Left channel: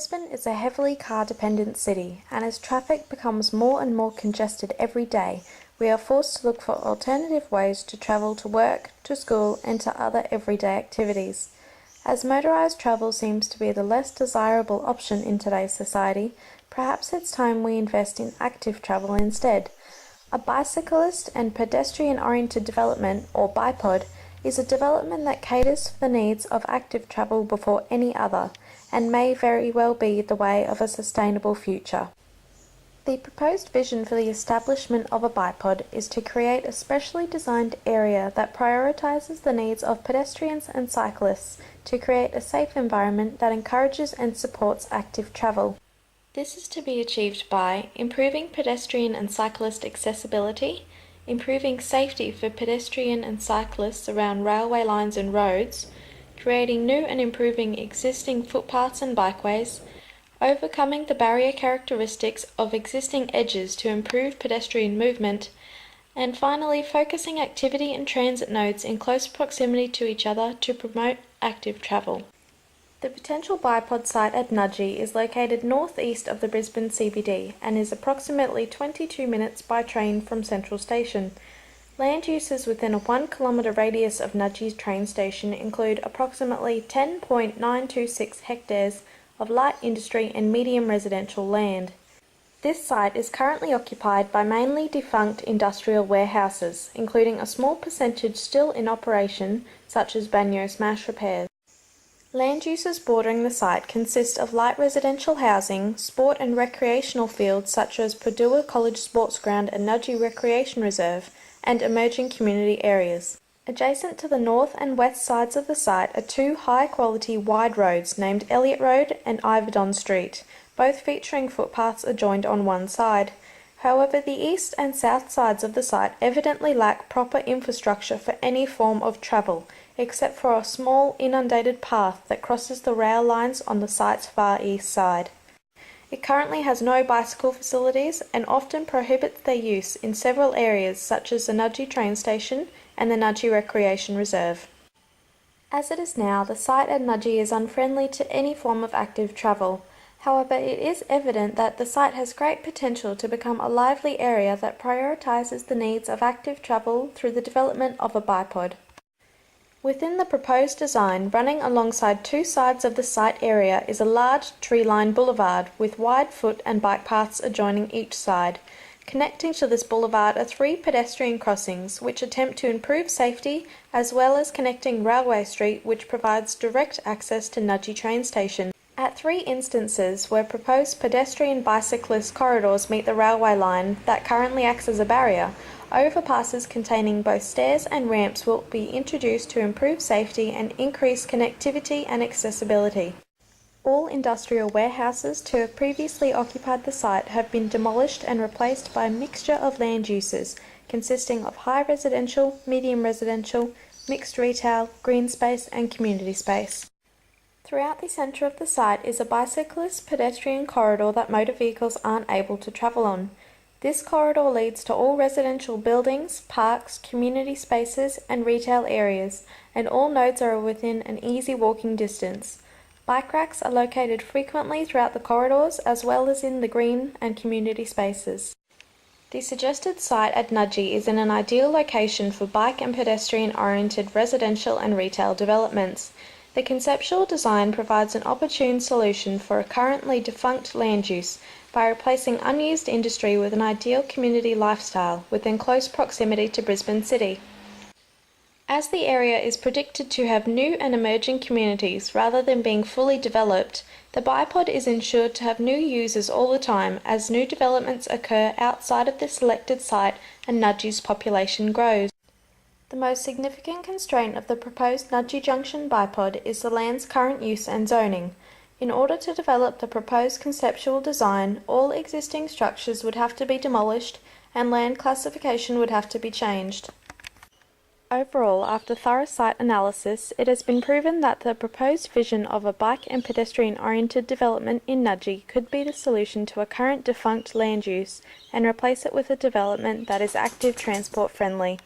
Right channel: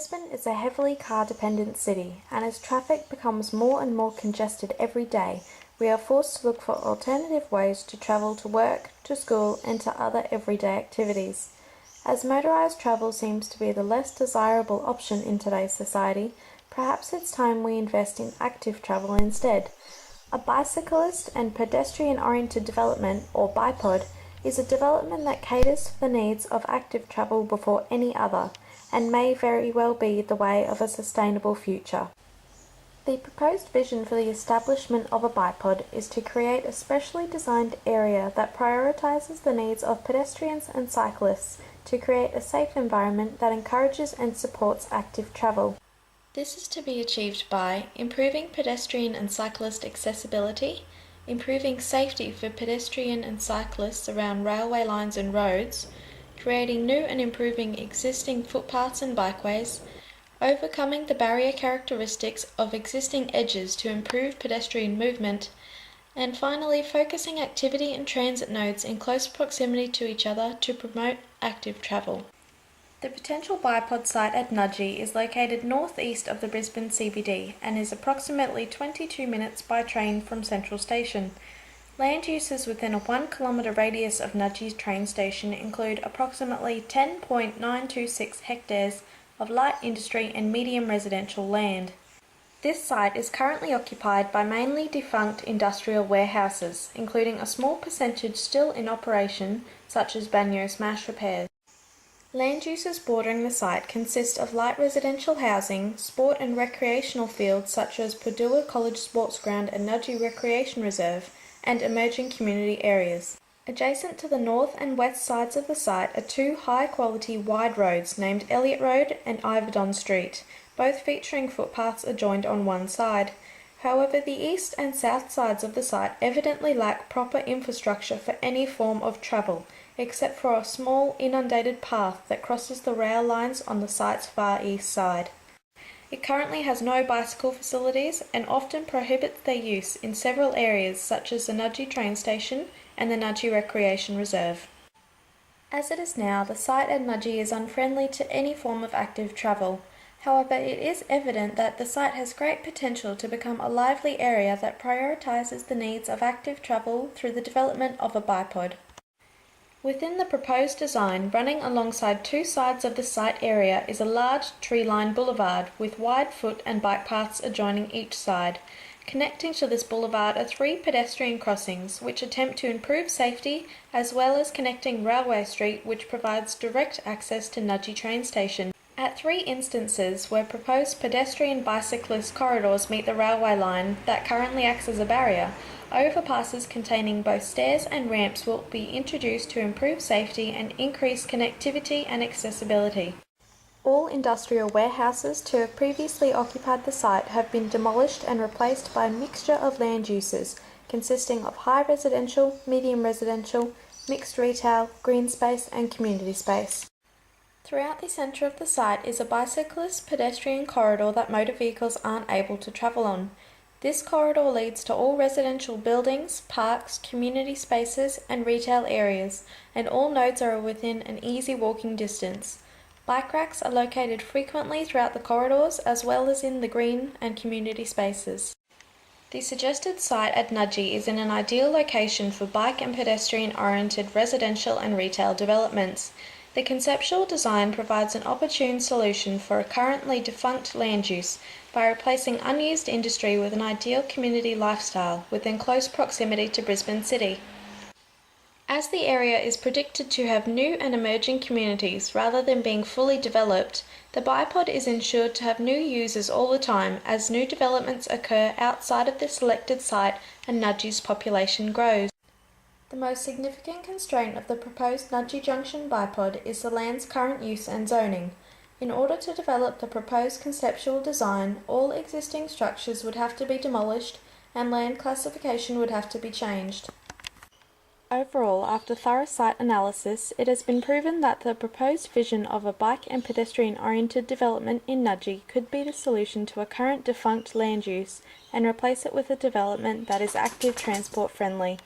Brisbane is a heavily car-dependent city, and as traffic becomes more and more congested every day, we are forced to look for alternative ways to travel to work, to school, and to other everyday activities. As motorised travel seems to be the less desirable option in today's society, perhaps it's time we invest in active travel instead. A bicyclist and pedestrian-oriented development, or BiPOD, is a development that caters for the needs of active travel before any other, and may very well be the way of a sustainable future. The proposed vision for the establishment of a BiPOD is to create a specially designed area that prioritises the needs of pedestrians and cyclists to create a safe environment that encourages and supports active travel. This is to be achieved by improving pedestrian and cyclist accessibility, improving safety for pedestrian and cyclists around railway lines and roads, creating new and improving existing footpaths and bikeways, overcoming the barrier characteristics of existing edges to improve pedestrian movement, and finally focusing activity and transit nodes in close proximity to each other to promote active travel. The potential BiPOD site at Nudgee is located northeast of the Brisbane CBD and is approximately 22 minutes by train from Central Station. Land uses within a 1 kilometre radius of Nudgee's train station include approximately 10.926 hectares of light industry and medium residential land. This site is currently occupied by mainly defunct industrial warehouses, including a small percentage still in operation, such as Banyo Smash Repairs. Land uses bordering the site consist of light residential housing, sport and recreational fields such as Padua College Sports Ground and Nudgee Recreation Reserve, and emerging community areas. Adjacent to the north and west sides of the site are two high-quality wide roads named Elliott Road and Iverdon Street, both featuring footpaths adjoined on one side. However, the east and south sides of the site evidently lack proper infrastructure for any form of travel, except for a small inundated path that crosses the rail lines on the site's far east side. It currently has no bicycle facilities and often prohibits their use in several areas such as the Nudgee train station and the Nudgee Recreation Reserve. As it is now, the site at Nudgee is unfriendly to any form of active travel. However, it is evident that the site has great potential to become a lively area that prioritises the needs of active travel through the development of a BiPOD. Within the proposed design, running alongside two sides of the site area is a large tree-lined boulevard with wide foot and bike paths adjoining each side. Connecting to this boulevard are three pedestrian crossings which attempt to improve safety, as well as connecting Railway Street, which provides direct access to Nudgee train station. At three instances where proposed pedestrian-bicyclist corridors meet the railway line that currently acts as a barrier, overpasses containing both stairs and ramps will be introduced to improve safety and increase connectivity and accessibility. All industrial warehouses to have previously occupied the site have been demolished and replaced by a mixture of land uses consisting of high residential, medium residential, mixed retail, green space and community space. Throughout the centre of the site is a bicyclist pedestrian corridor that motor vehicles aren't able to travel on. This corridor leads to all residential buildings, parks, community spaces and retail areas, and all nodes are within an easy walking distance. Bike racks are located frequently throughout the corridors as well as in the green and community spaces. The suggested site at Nudgee is in an ideal location for bike and pedestrian-oriented residential and retail developments. The conceptual design provides an opportune solution for a currently defunct land use by replacing unused industry with an ideal community lifestyle within close proximity to Brisbane City. As the area is predicted to have new and emerging communities rather than being fully developed, the BiPOD is ensured to have new users all the time as new developments occur outside of the selected site and Nudgee's population grows. The most significant constraint of the proposed Nudgee Junction BiPOD is the land's current use and zoning. In order to develop the proposed conceptual design, all existing structures would have to be demolished and land classification would have to be changed. Overall, after thorough site analysis, it has been proven that the proposed vision of a bike and pedestrian-oriented development in Nudgee could be the solution to a current defunct land use and replace it with a development that is active transport friendly.